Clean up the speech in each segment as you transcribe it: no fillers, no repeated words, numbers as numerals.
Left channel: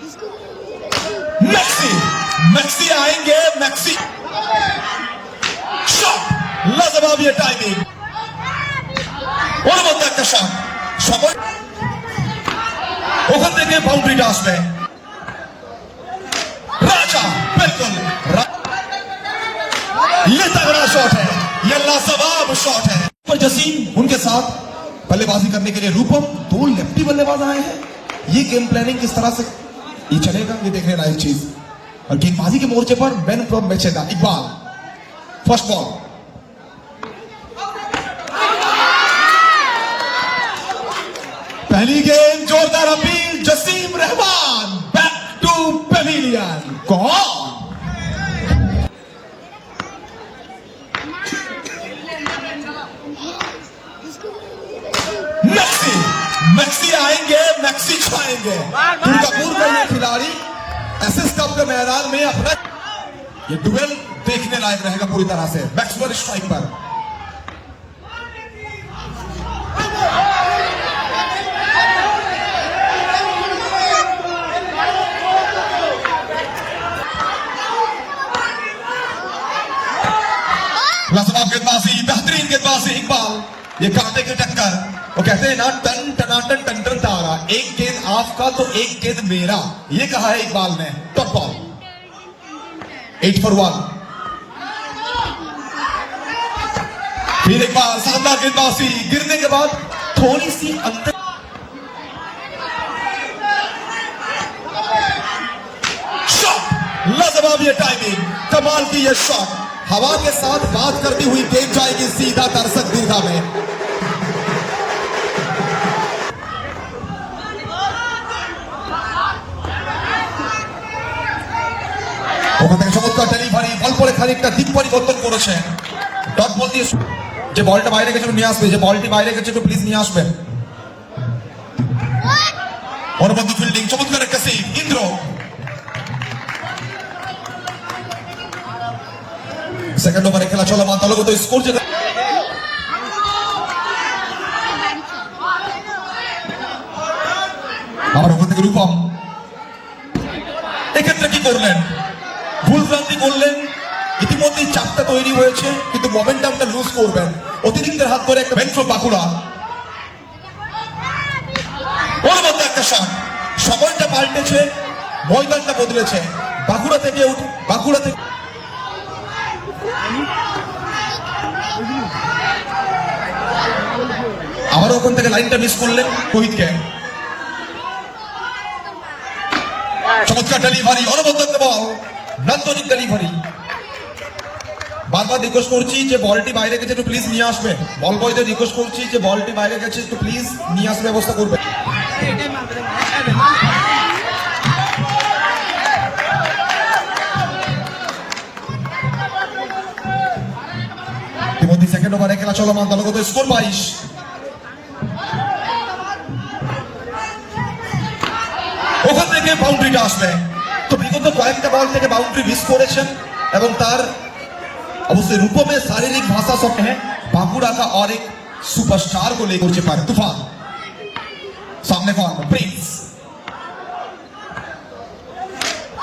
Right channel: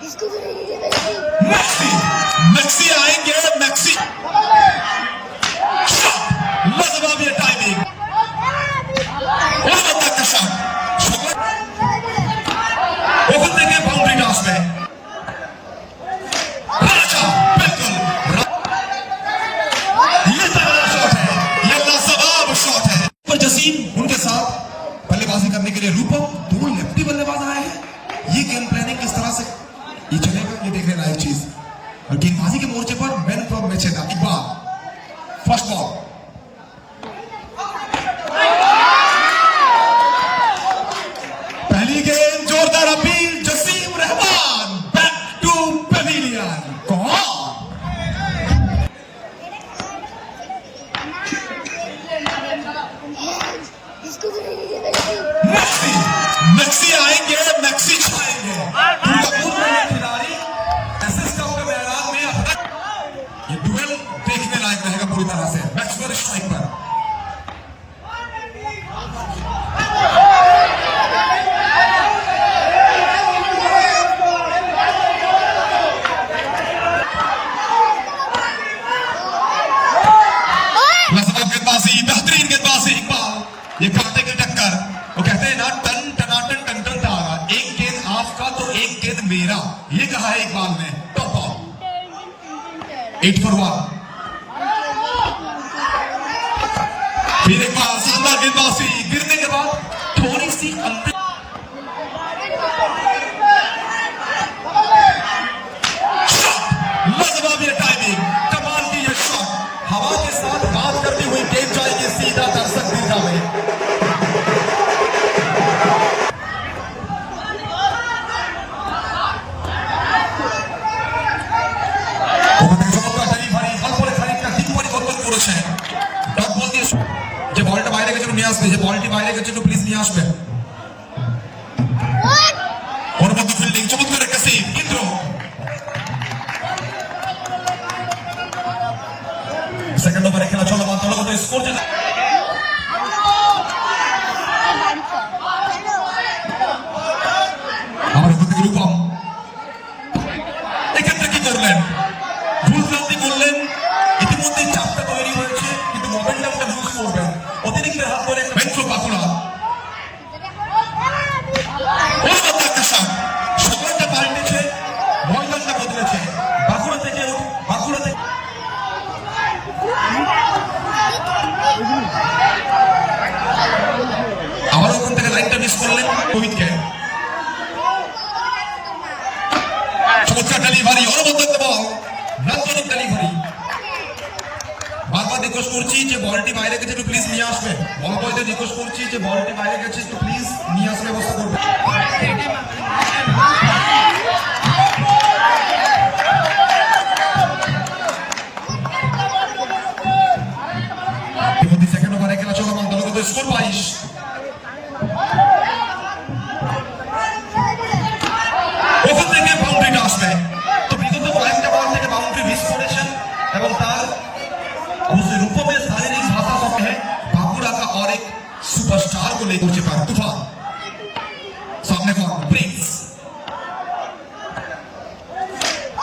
Maxi Maxi आएंगे maxi shot लाजवाब ये टाइमिंग और बंदा का शॉट शॉट ओवर देंगे बाउंड्री के आसपास राजा बिल्कुल ये तगड़ा शॉट है ये लाजवाब शॉट है तो जसीम उनके साथ बल्लेबाजी करने के लिए रूपम दो लेफ्टी बल्लेबाज आए हैं ये गेम प्लानिंग किस तरह से ये चलेगा ये देखने लायक चीज और गेंदबाजी के मोर्चे पर मैन फ्रॉम मैचेगा इकबाल फर्स्ट बॉल पहली गेंद जोरदार अपील Jasim Rahman back to pavilion Maxi Maxi आएंगे मैक्सी छाएंगे दुर्गापुर में ये खिलाड़ी एसएस कप के मैदान में अपना ये डुएल देखने लायक रहेगा पूरी तरह से बैट्समैन स्ट्राइक पर लाजवाब गेंदबाजी बेहतरीन गेंदबाजी इकबाल ये कांटे की टक्कर वो कहते हैं ना टन टनाटन टंटर टारा एक गेंद आपका तो एक गेंद मेरा ये कहा है इकबाल ने टॉप बॉल 8 for 1 फिर एक बार सामना गेंदबाजी गिरने के बाद थोड़ी सी अंतर शॉट लाजवाब ये टाइमिंग कमाल की ये शॉट हवा के साथ बात करती हुई गेंद जाएगी सीधा दर्शक दीर्घा में ঠিক পরিবর্তন করেছে টপ বল দিয়ে যে বলটা বাইরে গেছে নিয়ে আসবে যে বলটি বাইরে গেছে তো প্লিজ নিয়ে আসবেন অনুমতি ফিল্ডিং চমৎকার একটা সেভ ইন্দ্র সেকেন্ড ওভারে খেলা চলমান দলগত স্কোর যেটা আমরা কিন্তু রূপম এক্ষেত্রে কি করবেন ভুল প্ল্যানিং করলেন ইতিমধ্যে চাপটা তৈরি হয়েছে কিন্তু মোমেন্টামটা লুজ করবেন অতিরিক্ত হাত ধরে একটা মেন্ট্রো বাঁকুড়া ওর মধ্যে একটা শট সময়টা পাল্টেছে ময়দানটা বদলেছে বাঁকুড়া থেকে আবার ওখান থেকে লাইনটা মিস করলেন রোহিতকে চমৎকার ডেলিভারি অনবদ্য বল নন্দনের ডেলিভারি বারবার রিকোয়েস্ট করছি যে বলটি বাইরে গেছে একটু প্লিজ নিয়ে আসবেন বল বয়দের রিকোয়েস্ট করছি যে বলটি বাইরে গেছে একটু প্লিজ নিয়ে আসার ব্যবস্থা করবেন সেকেন্ড ওভারে খেলা চলমান দলগত স্কোর 22 ওখান থেকে বাউন্ডারিটা আসবে তো বিগত কয়েকটা বল থেকে বাউন্ডারি মিস করেছেন এবং তার अवश्य रूपों में शारीरिक भाषा से कहें बांकुड़ा का और एक सुपरस्टार को लेकर चुका है तूफान सामने का प्रिंस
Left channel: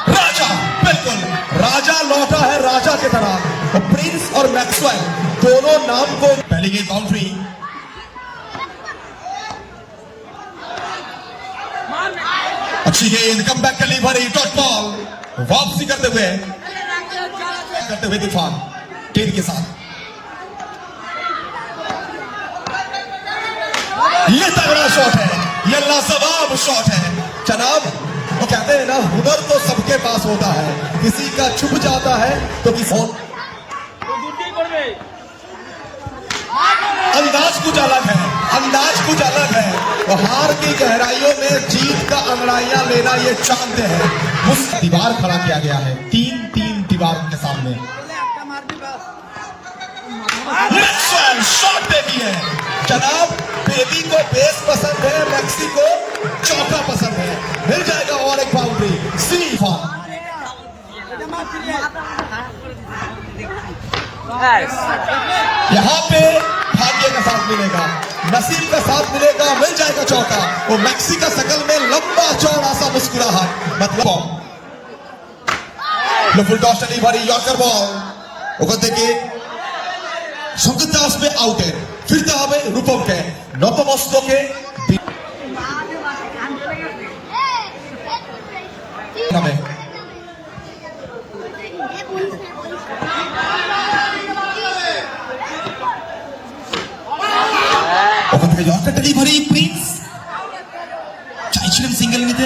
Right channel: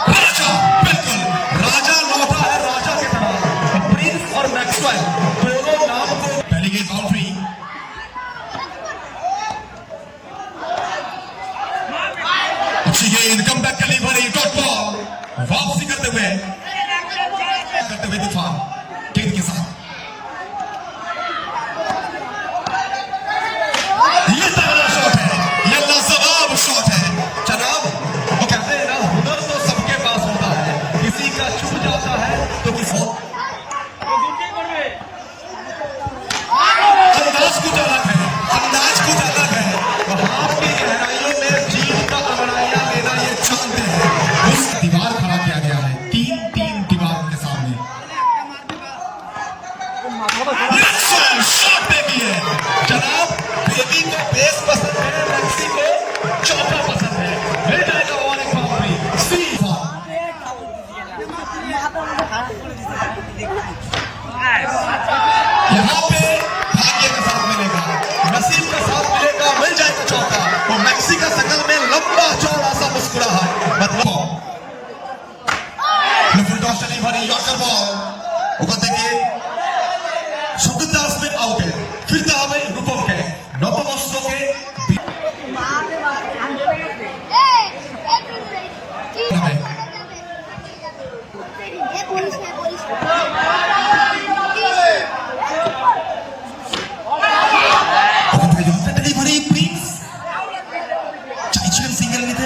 राजा बिल्कुल राजा लौटा है राजा के तरह प्रिंस और मैक्सवेल दोनों नाम को पहली की बाउंड्री अच्छी गेंद कमबैक डिलीवरी डॉट बॉल वापसी करते हुए तूफान टीम के साथ ये तगड़ा शॉट है ये लाजवाब शॉट है जनाब वो कहते हैं ना हुनर तो सबके पास होता है किसी का छुप जाता है तो किसी अंदाज कुछ अलग है वो हार की गहराइयों में जीत का अंगड़ाइयां लेना ये चाहते हैं उस दीवार खड़ा किया गया है तीन दीवार के सामने शॉट बेबी है जनाब बेबी को बेस पसंद है मैक्सी को चौका पसंद है मिल जाएगा और एक बाउंड्री सिलीफा यहाँ पे भाग्य का साथ मिलेगा नसीब का साथ मिलेगा मिल जाएगा चौका तो मैक्सी का शकल में लंबा चौड़ा सा मुस्कुराहट ফুলটস ডেলিভারি ইয়র্কার বল ওখান থেকে সঙ্গীতে আসবে আউটে ফিরতে হবে রূপমকে নতমস্তকে ডেলিভারি প্রিন্স চাইছিলেন সিঙ্গেল নিতে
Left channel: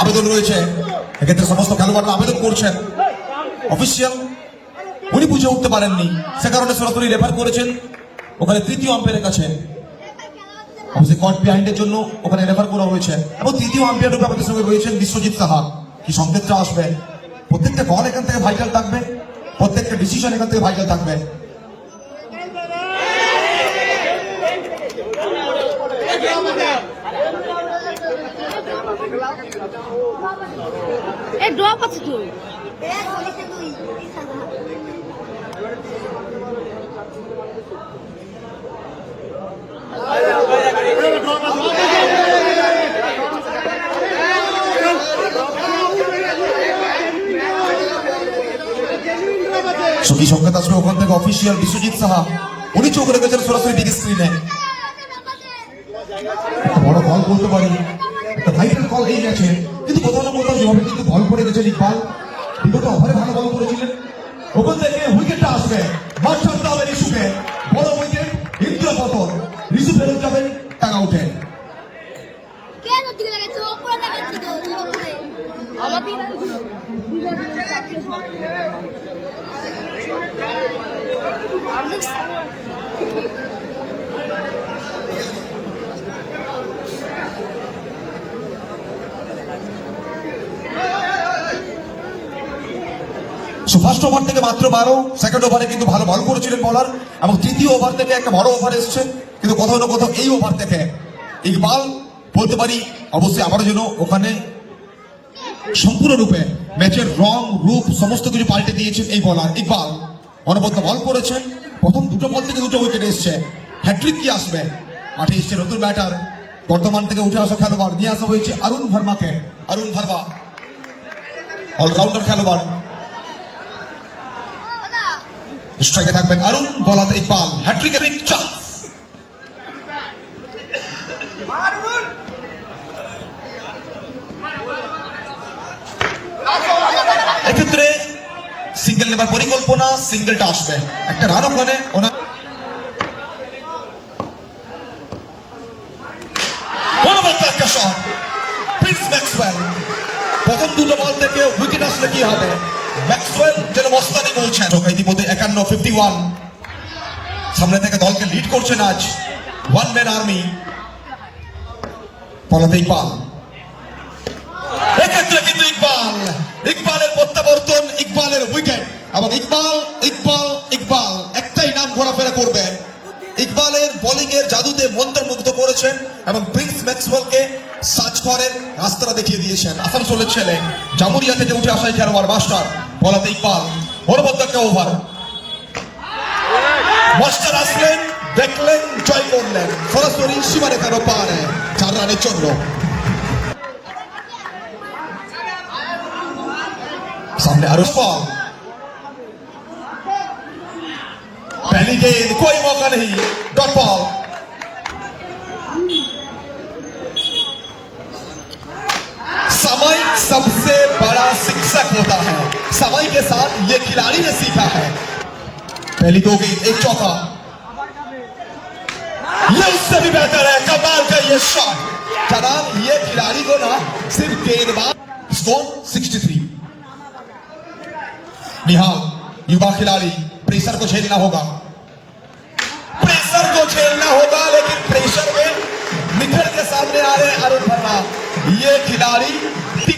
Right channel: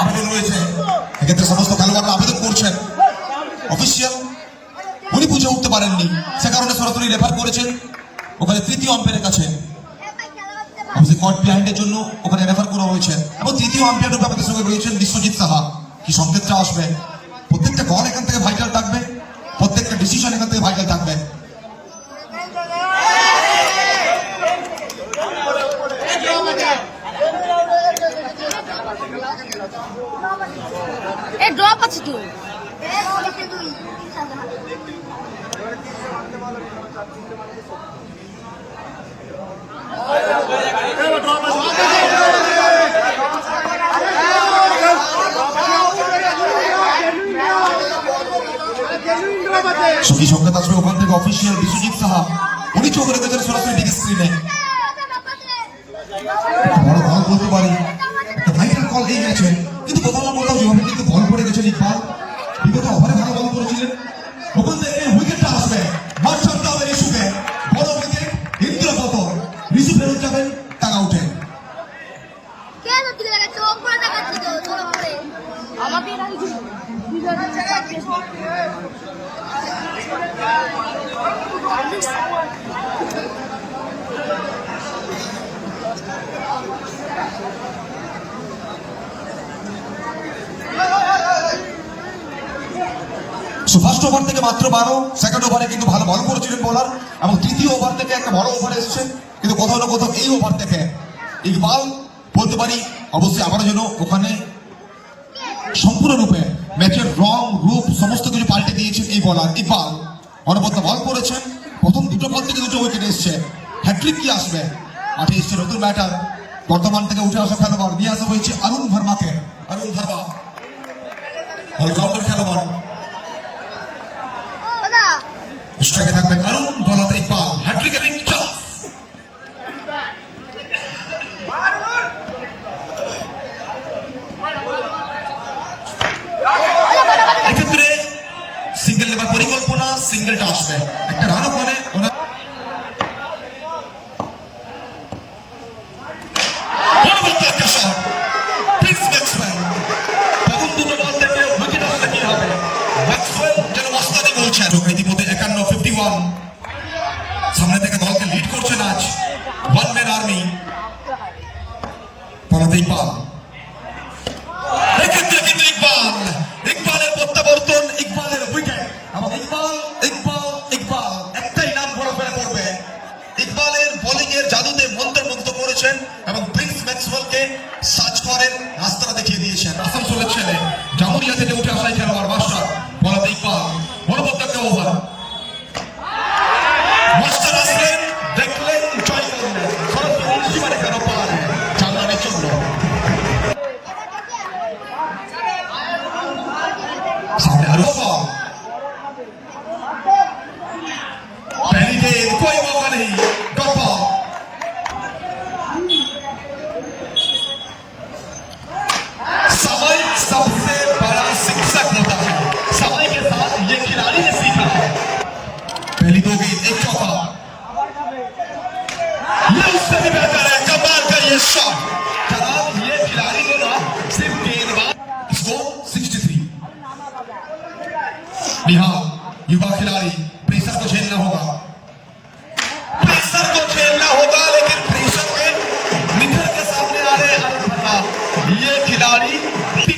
আবেদন রয়েছে এক্ষেত্রে সমস্ত খেলোয়াড়রা আবেদন করছেন অফিসিয়াল উনি বুঝে উঠতে পারেননি সে কারণে সরাসরি রেফার করেছেন ওখানে তৃতীয় আম্পায়ারের কাছে অবশ্যই কট বিহাইন্ডের জন্য ওখানে রেফার করা হয়েছে এবং তৃতীয় আম্পায়ার রূপে আমাদের সঙ্গে রয়েছেন বিশ্বজিৎ সাহা কি সংকেতটা আসবে প্রত্যেকটা বল এখান থেকে ভাইটাল থাকবে প্রত্যেকটা ডিসিশন এখান থেকে ভাইটাল থাকবে এই ড্রপ আছে তো সখী সংকেত আসবে ওখান থেকে অফিসিয়াল বিশ্বজিৎ সাহা উনি চোখ রেখেছেন সরাসরি বিগ স্ক্রিনে বড় বল বলতে পারি ভাইটাল কল এই ম্যাচে কিন্তু কোথাও না কোথাও যেভাবে কিন্তু বল পড়ে গেছে ইকবাল বিগত ওভারে ভালো বল করেছিলেন ওখান থেকে উইকেটটা আসবে মার্শাল্লাহ আলী রিসুফের বড় উইকেট ইন্দ্রপত রিসু ফেরত যাবেন তারা উঠেন ফার্স্ট ওভার থেকে মাত্র 12 সেকেন্ড ওভারে কিন্তু ভালো বল করেছিলেন বলার এবং তৃতীয় ওভার থেকে একটা বড় ওভার এসছে কিন্তু কোথাও না কোথাও এই ওভার থেকে ইকবাল বলতে পারি অবশ্যই আবারও যেন ওখানে সম্পূর্ণরূপে ম্যাচের রং রূপ সমস্ত কিছু পাল্টে দিয়েছেন এই বলার ইকবাল অনবদ্য বল করেছেন প্রথম দুটো বল থেকে দুটো উইকেট এসছে হ্যাট্রিক কি আসবে মাঠে এসছে নতুন ব্যাটার বর্তমান থেকে উঠে আসা খেলোয়াড় নিয়ে আসা হয়েছে অরুণ ভার্মাকে অরুণ ভার্মা অলরাউন্ডার খেলোয়াড় স্ট্রাইকে থাকবেন অরুণ বলাতে ইকবাল হ্যাট্রিক এবং চান্স এক্ষেত্রে সিঙ্গেল নেবার পরিকল্পনা সিঙ্গেলটা আসবে একটা রান ওখানে অনেক প্রথম দুটো বল থেকে উইকেট আসলে কি হবে ইতিমধ্যে 51 সামনে থেকে দলকে লিড করছেন আজ ওয়ান ম্যান আর্মি পরতে ইকবাল এক্ষেত্রে কিন্তু ইকবালের প্রত্যাবর্তন ইকবালের উইকেট এবং ইকবাল একটাই নাম ঘোরাফেরা করবে ইকবালের বোলিং এর জাদুতে মন্ত্রমুগ্ধ করেছেন এবং প্রিন্স ম্যাক্সওয়েলকে সার্চ করেন রাস্তাটা দেখিয়ে দিয়েছেন আসানসোলের ছেলে জামুরিয়া থেকে উঠে আসা খেলোয়াড় মাস্টার বলাতে ইকবাল বলবদ্ধ একটা ওভার মাস্টার আসলেন দেখলেন জয় করলেন সরাসরি সীমারেখার পারে 4 রানের জন্য सामने आरोप पहली गेंद कोई मौका नहीं ड्रॉप आउट समय सबसे बड़ा शिक्षक होता है समय के साथ ये खिलाड़ी ने सीखा है पहली दो गेंद एक चौका ये सभी बेहतर है कमाल का ये शॉट पर ये खिलाड़ी जो ना सिर्फ गेंदबाज इसको 63 निहाल युवा खिलाड़ी प्रेशर को झेलना होगा लेकिन प्रेशर में निखर के सामने आ रहे अरुण शर्मा ये खिलाड़ी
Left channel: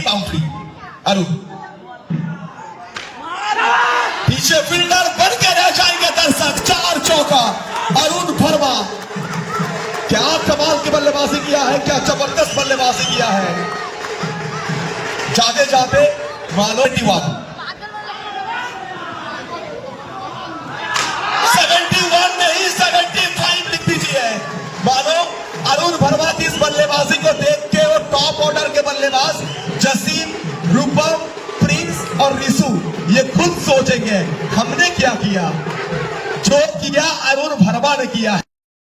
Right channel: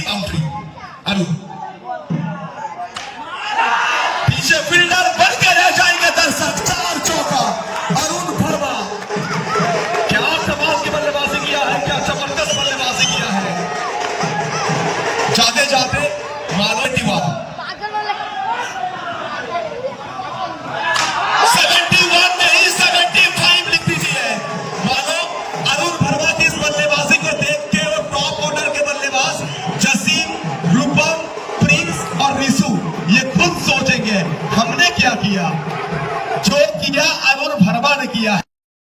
बाउंड्री अरुण पीछे फील्डर बन के रह जाएंगे दर्शक 4 चौका अरुण शर्मा क्या कमाल की बल्लेबाजी किया है क्या जबरदस्त बल्लेबाजी किया है जाते जाते मानो दीवार 71 नहीं 75 लिख दीजिए मानो अरुण वर्मा की इस बल्लेबाजी को देख के वो टॉप ऑर्डर के बल्लेबाज जसीम रूपम और रिशु ये खुद सोचेंगे हमने क्या किया। जो किया अरुण वर्मा ने किया है।